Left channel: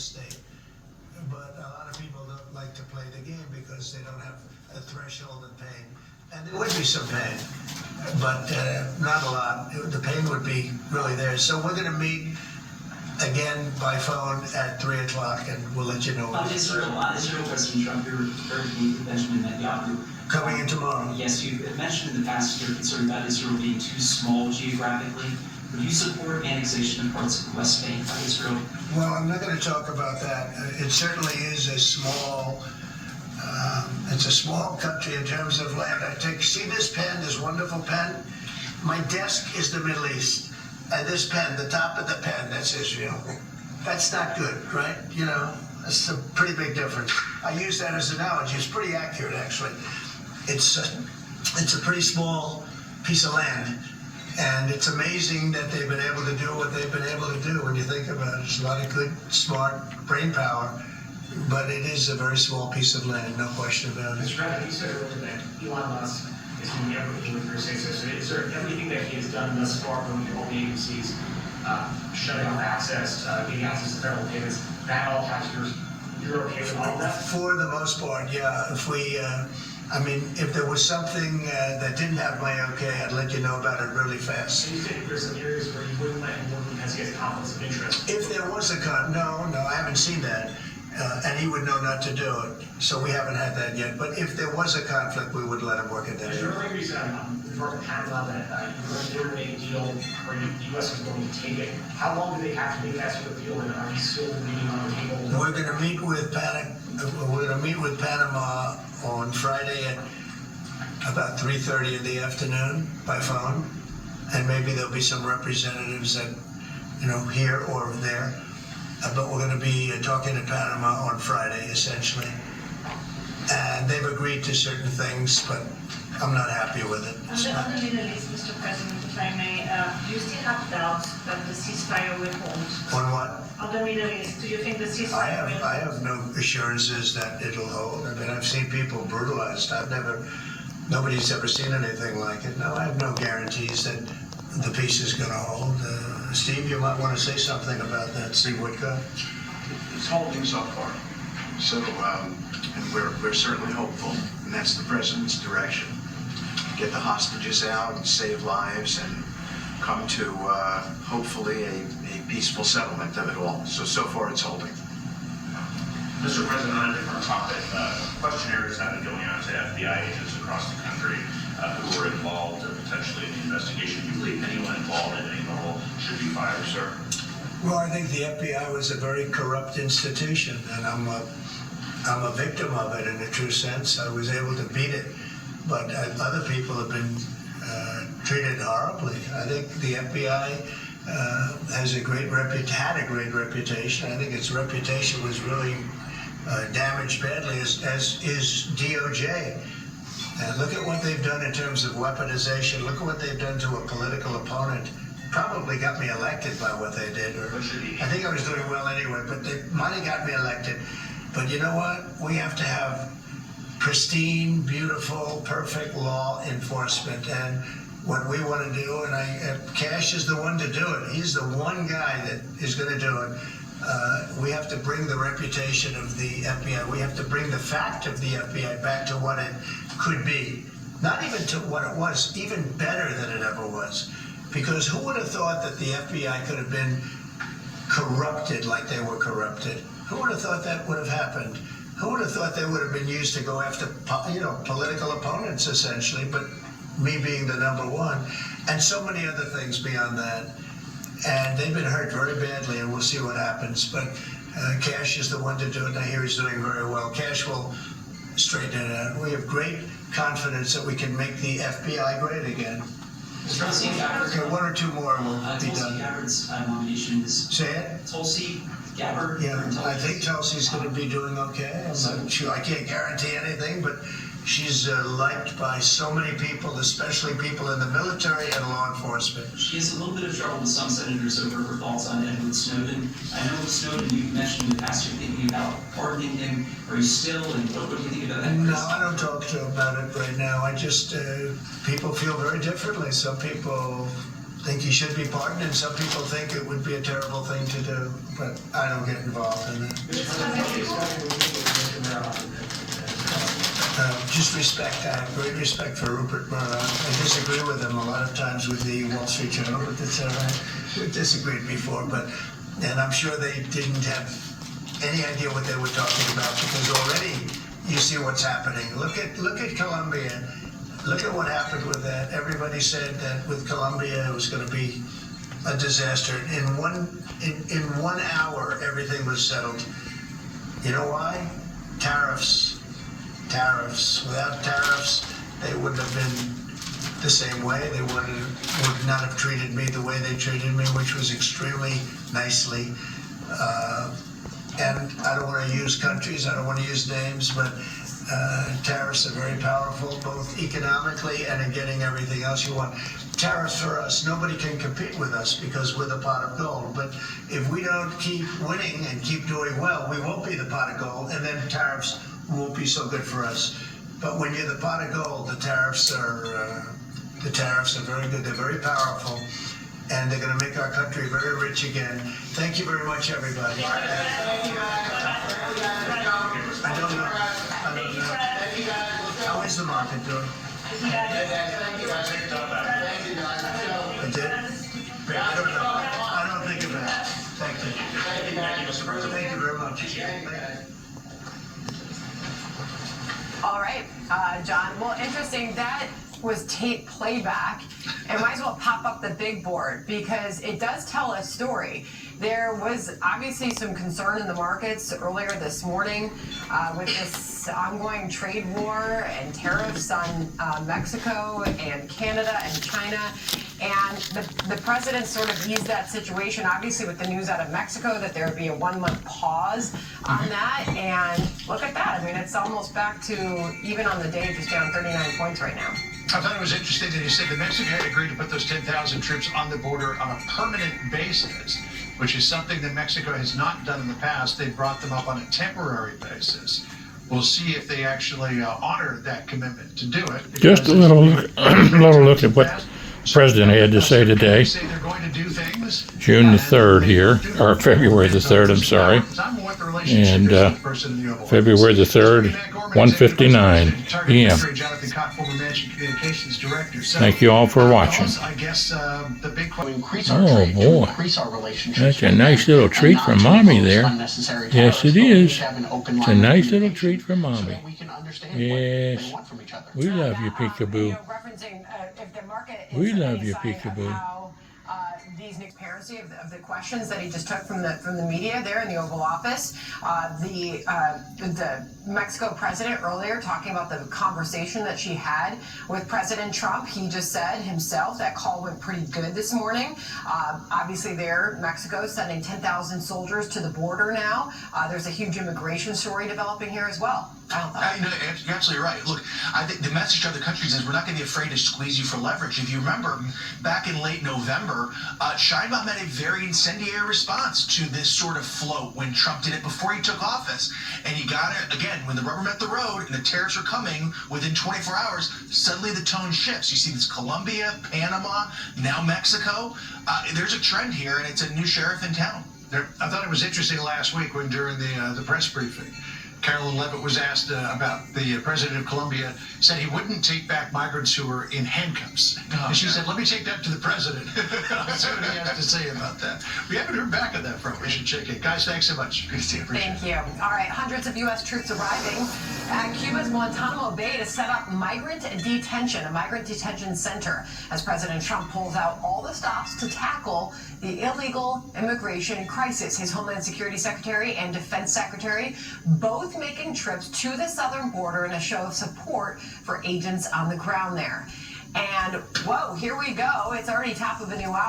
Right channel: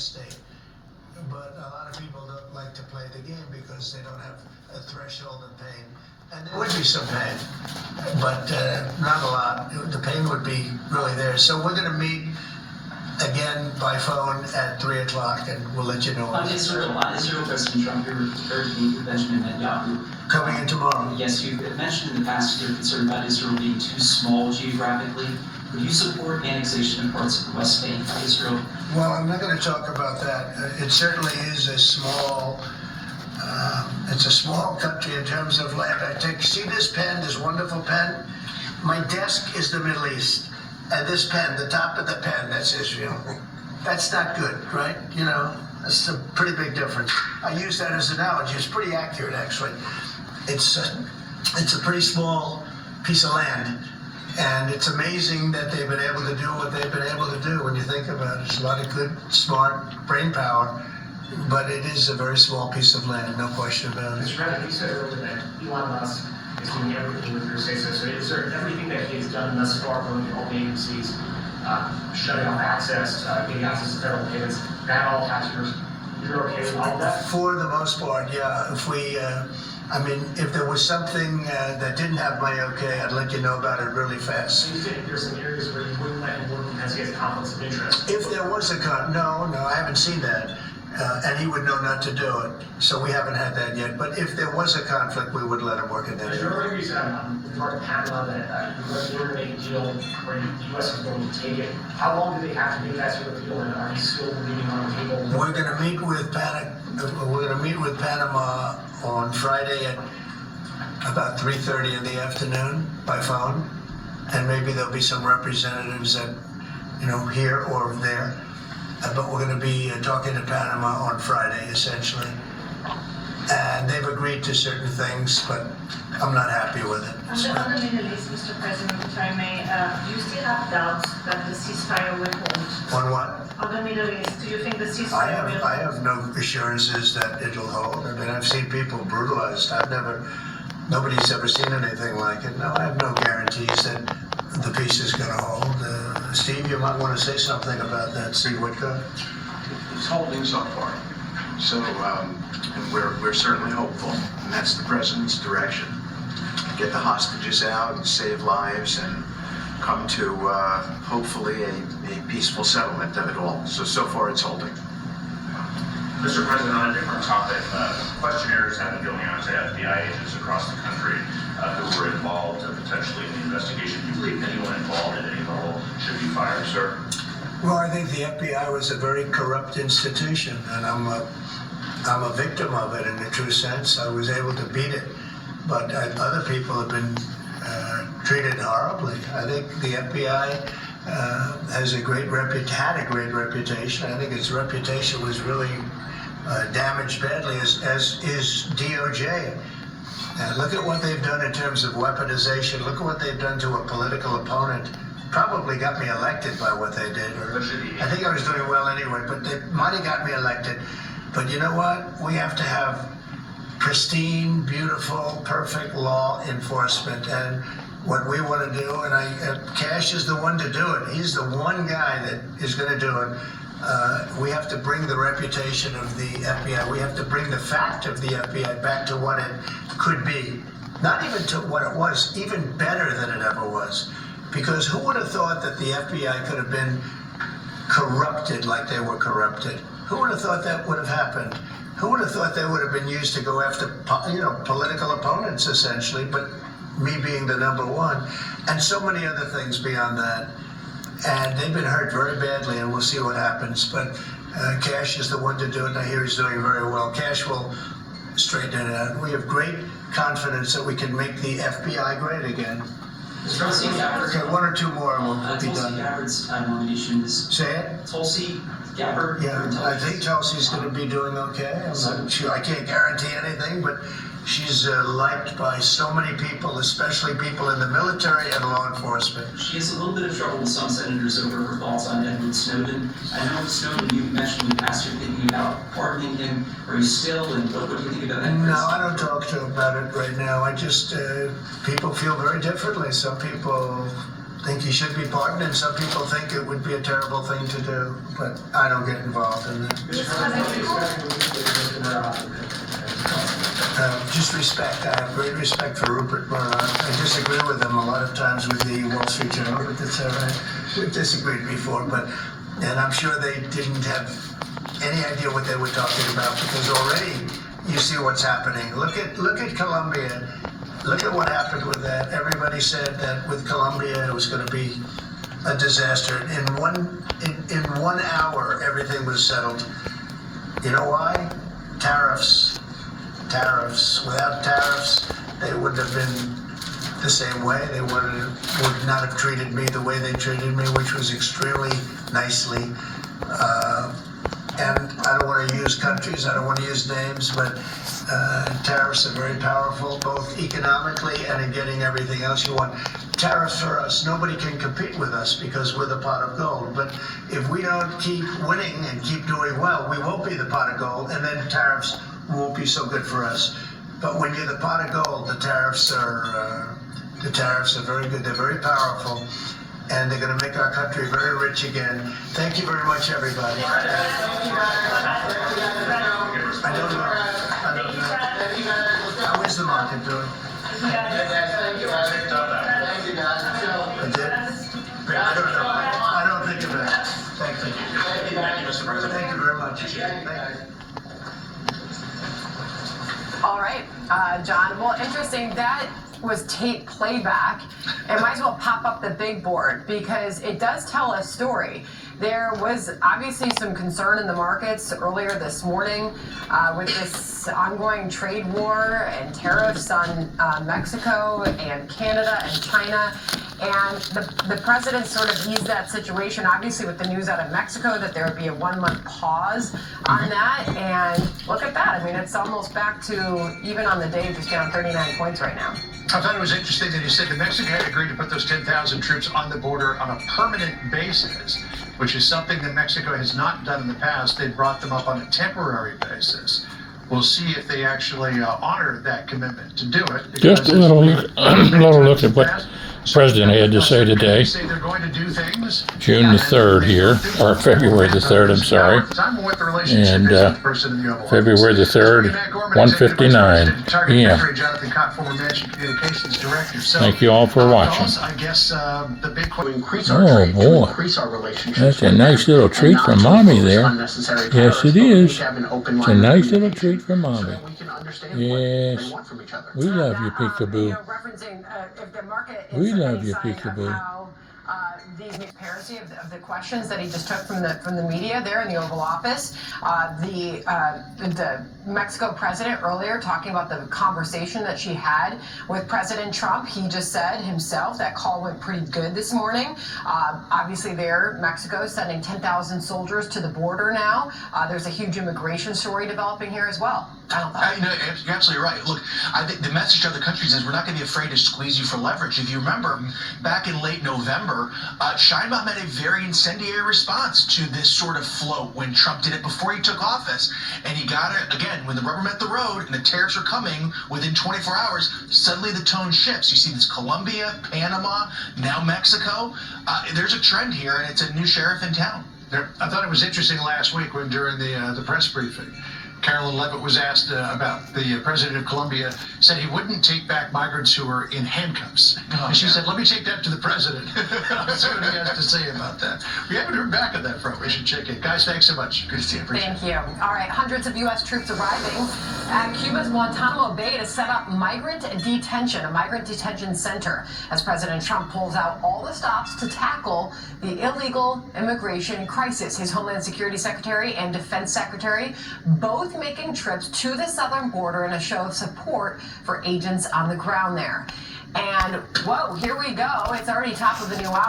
state. But a lot of people don't like to play the game because they don't have a threshold of pain. And there would be some pain, but not a lot. The pain would be really there. So we're going to meet again by phone at 3 o'clock, and we'll let you know. Israel President Trump, you're very deep with Benjamin Netanyahu. Coming in tomorrow. Yes, you mentioned in the past you're concerned about Israel being too small geographically. Would you support annexation of parts of the West Bank by Israel? Well, I'm not going to talk about that. It certainly is a small. It's a small country in terms of land. See this pen, this wonderful pen? My desk is the Middle East. And this pen, the top of the pen, that's Israel. That's not good, right? You know, that's a pretty big difference. I use that as an analogy. It's pretty accurate, actually. It's a pretty small piece of land. And it's amazing that they've been able to do what they've been able to do when you think about it. There's a lot of good, smart brain power. But it is a very small piece of land, no question about it. Mr. President, you said earlier that Elon Musk is doing everything with your say-so. So is there everything that he has done thus far from the old agencies, shutting off access, getting access to federal payments, that all has you're okay with all of that? For the most part, yeah. If there was something that didn't have my okay, I'd let you know about it really fast. So you think there's some areas where you wouldn't let him work because he has conflicts of interest? If there was no, I haven't seen that. And he would know not to do it. So we haven't had that yet. But if there was a conflict, we would let him work in that Is area. there any reason with regard to Panama that you're going to make a deal where the U.S. is going to take it? How long do they have to make that sort of deal, and are you still leaving on the table? We're going to meet with Panama on Friday at about 3:30 in the afternoon by phone, and maybe there'll be some representatives that, here or there. But we're going to be talking to Panama on Friday, essentially. And they've agreed to certain things, but I'm not happy with it. On the Middle East, Mr. President, if I may, do you still have doubts that the ceasefire will hold? On what? On the Middle East, do you think the ceasefire will hold? I have no assurances that it'll hold. I mean, I've seen people brutalized. Nobody's ever seen anything like it. No, I have no guarantees that the peace is going to hold. Steve, you might want to say something about that. See what goes. It's holding so far. So, and we're certainly hopeful, and that's the president's direction. Get the hostages out and save lives and come to hopefully a peaceful settlement of it all. So far it's holding. Mr. President, on a different topic, questionnaires have been going out to FBI agents across the country who were involved potentially in the investigation. Do you believe anyone involved at any level should be fired, sir? Well, I think the FBI was a very corrupt institution, and I'm a victim of it in a true sense. I was able to beat it, but other people have been treated horribly. I think the FBI had a great reputation. I think its reputation was really damaged badly, as is DOJ. Look at what they've done in terms of weaponization. Look at what they've done to a political opponent. Probably got me elected by what they did. I think I was doing well anyway, but they might have got me elected. But you know what? We have to have pristine, beautiful, perfect law enforcement. And what we want to do, and Cash is the one to do it. He's the one guy that is going to do it. We have to bring the reputation of the FBI. We have to bring the fact of the FBI back to what it could be. Not even to what it was, even better than it ever was. Because who would have thought that the FBI could have been corrupted like they were corrupted? Who would have thought that would have happened? Who would have thought they would have been used to go after, political opponents, essentially, but me being the number one, and so many other things beyond that. And they've been hurt very badly, and we'll see what happens. But Cash is the one to do it, and I hear he's doing very well. Cash will straighten it out. We have great confidence that we can make the FBI great again. Okay, one or two more and we'll be done. Tulsi Gabbard's nomination is... Say it? Tulsi Gabbard? Yeah, I think Tulsi's going to be doing okay. I'm not sure. I can't guarantee anything, but she's liked by so many people, especially people in the military and law enforcement. She has a little bit of trouble with some senators over her thoughts on Edward Snowden. I know Snowden, you mentioned in the past you're thinking about pardoning him. Are you still, and what do you think about that? No, I don't talk about it right now. I just, people feel very differently. Some people think he should be pardoned, and some people think it would be a terrible thing to do, but I don't get involved in that. Just respect. I have great respect for Rupert Murdoch. I disagree with him a lot of times with the Wall Street Journal, but that's all right. We've disagreed before, and I'm sure they didn't have any idea what they were talking about, because already you see what's happening. Look at Colombia. Look at what happened with that. Everybody said that with Colombia it was going to be a disaster. In 1 hour, everything was settled. You know why? Tariffs. Without tariffs, they wouldn't have been the same way. They would not have treated me the way they treated me, which was extremely nicely. And I don't want to use countries, I don't want to use names, but tariffs are very powerful, both economically and in getting everything else you want. Tariffs for us, nobody can compete with us because we're the pot of gold. But if we don't keep winning and keep doing well, we won't be the pot of gold, and then tariffs won't be so good for us. But when you're the pot of gold, the tariffs are very good. They're very powerful, and they're going to make our country very rich again. Thank you very much, everybody. I don't know. How is the market doing? I did? I don't know. I don't think of that. Thank you. Thank you, Mr. President. Thank you very much. Thank you. All right, John. Well, interesting. That was tape playback. It might as well pop up the big board because it does tell a story. There was obviously some concern in the markets earlier this morning with this ongoing trade war and tariffs on Mexico and Canada and China. And the president sort of eased that situation, obviously with the news out of Mexico that there would be a 1-month pause on that. And look at that. I mean, it's almost back to, even on the day, just down 39 points right now. I thought it was interesting that he said that Mexico had agreed to put those 10,000 troops on the border on a permanent basis, which is something that Mexico has not done in the past. They brought them up on a temporary basis. We'll see if they actually honor that commitment to do it. Just a little look at what the president had to say today. June the 3rd here, or February the 3rd, I'm sorry. And February the 3rd, 1:59 p.m. Thank you all for watching. Oh boy, that's a nice little treat from Mommy there. Yes, it is. It's a nice little treat from Mommy. Yes, we love you, Peekaboo. We love you, Peekaboo. These transparency of the questions that he just took from the media there in the Oval Office. The Mexico president earlier talking about the conversation that she had with President Trump. He just said himself that call went pretty good this morning. Obviously there, Mexico is sending 10,000 soldiers to the border now. There's a huge immigration story developing here as well. You're absolutely right. Look, I think the message of the countries is we're not going to be afraid to squeeze you for leverage. If you remember, back in late November, Sheinbaum had a very incendiary response to this sort of float when Trump did it before he took office. And he got it, again, when the rubber met the road and the tariffs are coming within 24 hours, suddenly the tone shifts. You see this Colombia, Panama, now Mexico. There's a trend here, and it's a new sheriff in town. I thought it was interesting last week when during the press briefing, Carolyn Levitt was asked about the president of Colombia, said he wouldn't take back migrants who were in handcuffs. And she said, let me take that to the president. Let's see what he has to say about that. We haven't heard back on that front. We should check it. Guys, thanks so much. Good to see you. Thank you. All right, hundreds of U.S. troops arriving at Cuba's Guantanamo Bay to set up a migrant detention center as President Trump pulls out all the stops to tackle the illegal immigration crisis. His Homeland Security Secretary and Defense Secretary both making trips to the southern border in a show of support for agents on the ground there. And whoa, here we go. It's already top of the new hour.